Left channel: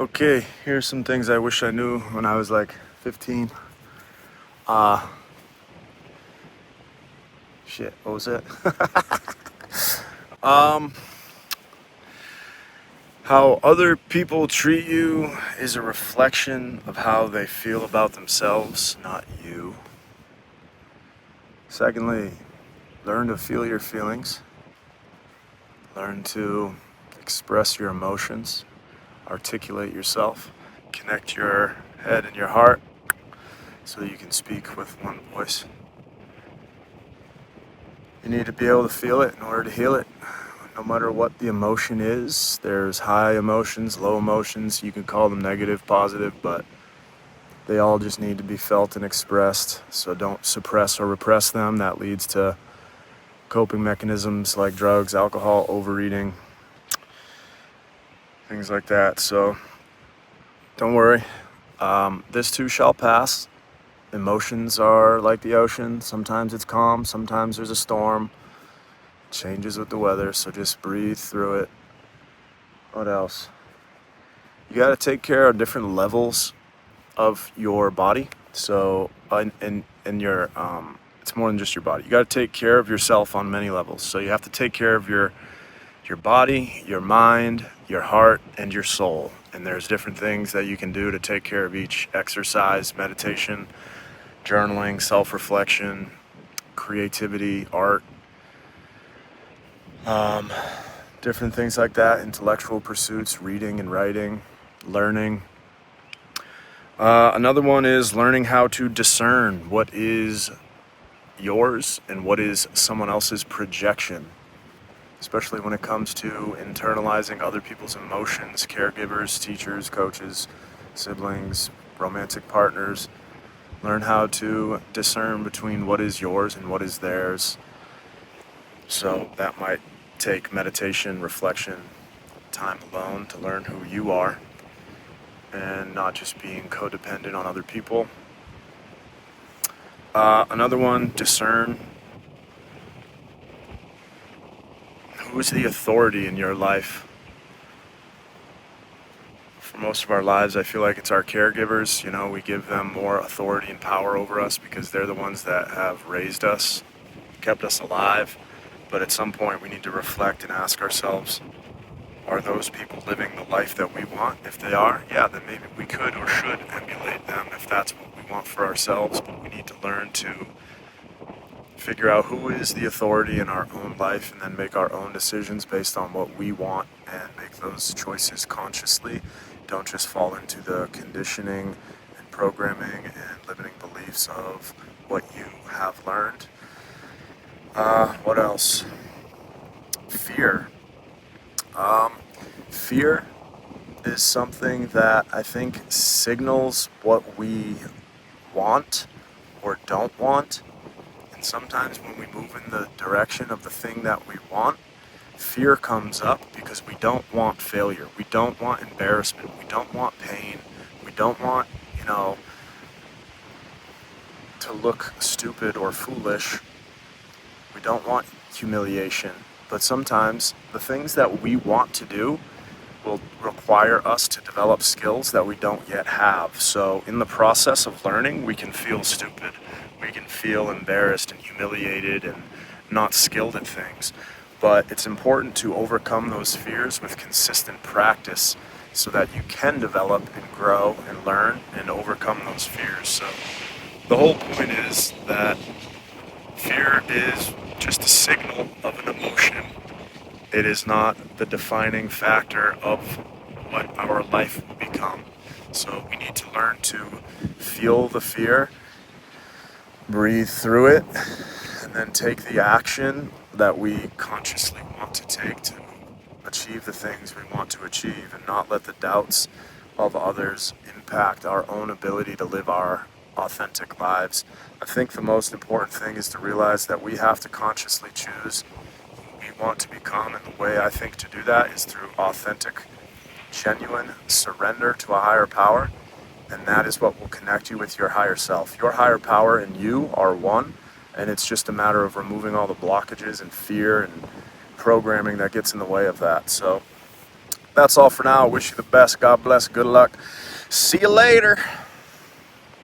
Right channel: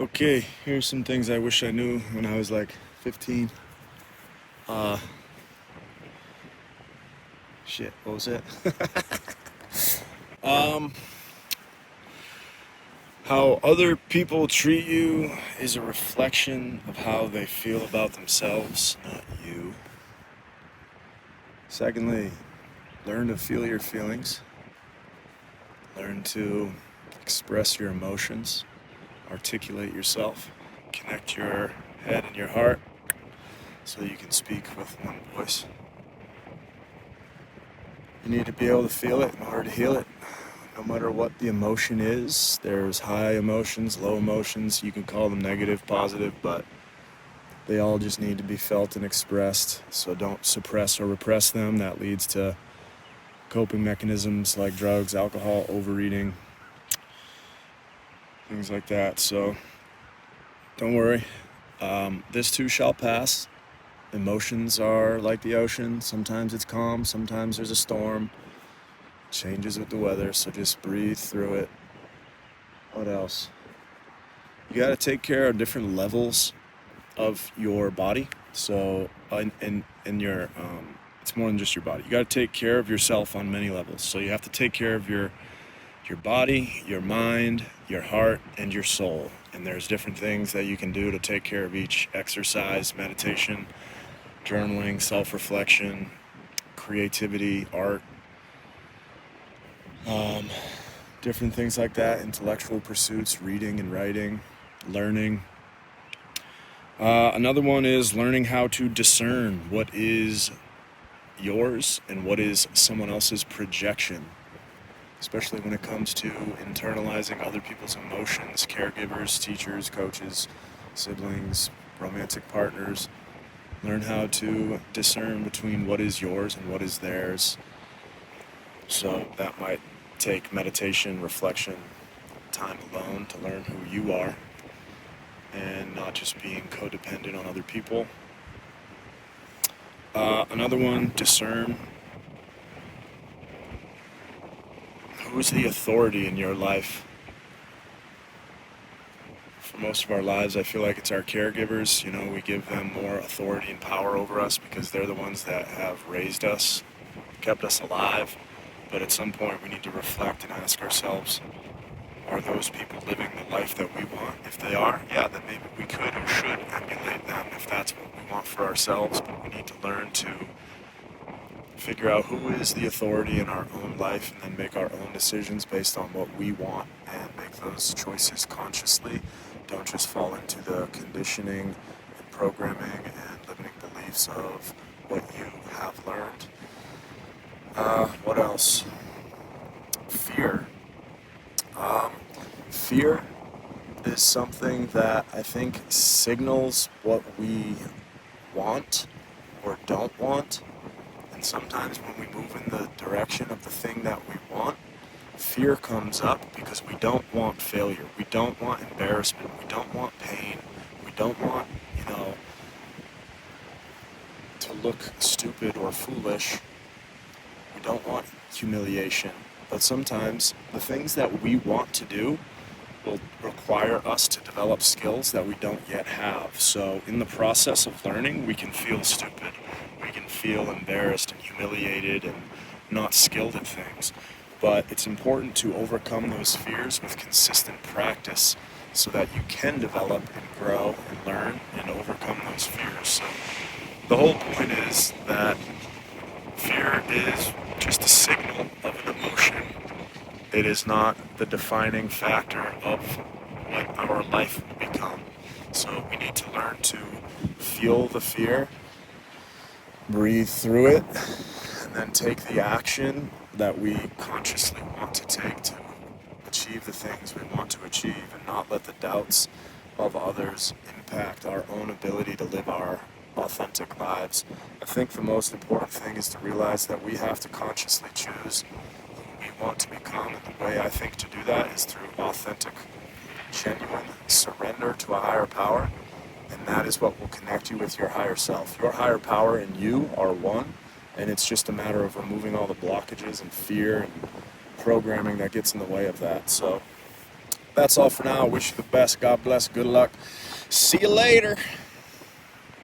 Okay, here's some things I wish I knew when I was like 15. Uh, what was it? um, how other people treat you is a reflection of how they feel about themselves, not you. Secondly, learn to feel your feelings. Learn to express your emotions, articulate yourself, connect your head and your heart so you can speak with one voice. You need to be able to feel it in order to heal it. No matter what the emotion is, there's high emotions, low emotions. You can call them negative, positive, but they all just need to be felt and expressed. So don't suppress or repress them. That leads to coping mechanisms like drugs, alcohol, overeating, things like that. So don't worry. This too shall pass. Emotions are like the ocean. Sometimes it's calm, sometimes there's a storm. Changes with the weather, so just breathe through it. What else? You got to take care of different levels of your body. So, and your it's more than just your body. You got to take care of yourself on many levels. So you have to take care of your body, your mind, your heart, and your soul. And there's different things that you can do to take care of each: exercise, meditation, journaling, self-reflection, creativity, art, different things like that, intellectual pursuits, reading and writing, learning. Another one is learning how to discern what is yours and what is someone else's projection, especially when it comes to internalizing other people's emotions, caregivers, teachers, coaches, siblings, romantic partners. Learn how to discern between what is yours and what is theirs. So that might take meditation, reflection, time alone to learn who you are and not just being codependent on other people. Another one, discern who's the authority in your life. For most of our lives, I feel like it's our caregivers. You know, we give them more authority and power over us because they're the ones that have raised us, kept us alive. But at some point, we need to reflect and ask ourselves, are those people living the life that we want? If they are, yeah, then maybe we could or should emulate them if that's what we want for ourselves. But we need to learn to figure out who is the authority in our own life and then make our own decisions based on what we want and make those choices consciously. Don't just fall into the conditioning and programming and limiting beliefs of what you have learned. What else? Fear. Fear is something that I think signals what we want or don't want. And sometimes when we move in the direction of the thing that we want, fear comes up because we don't want failure. We don't want embarrassment. We don't want pain. We don't want, to look stupid or foolish. We don't want humiliation. But sometimes the things that we want to do will require us to develop skills that we don't yet have. So in the process of learning, we can feel stupid. We can feel embarrassed and humiliated and not skilled at things. But it's important to overcome those fears with consistent practice so that you can develop and grow and learn and overcome those fears. So the whole point is that fear is just a signal of an emotion. It is not the defining factor of what our life will become. So we need to learn to feel the fear, breathe through it, and then take the action that we consciously want to take to achieve the things we want to achieve and not let the doubts of others impact our own ability to live our authentic lives. I think the most important thing is to realize that we have to consciously choose who we want to become, and the way I think to do that is through authentic, genuine surrender to a higher power, and that is what will connect you with your higher self. Your higher power and you are one, and it's just a matter of removing all the blockages and fear and programming that gets in the way of that. So That's all for now. I wish you the best. God bless. Good luck. See you later.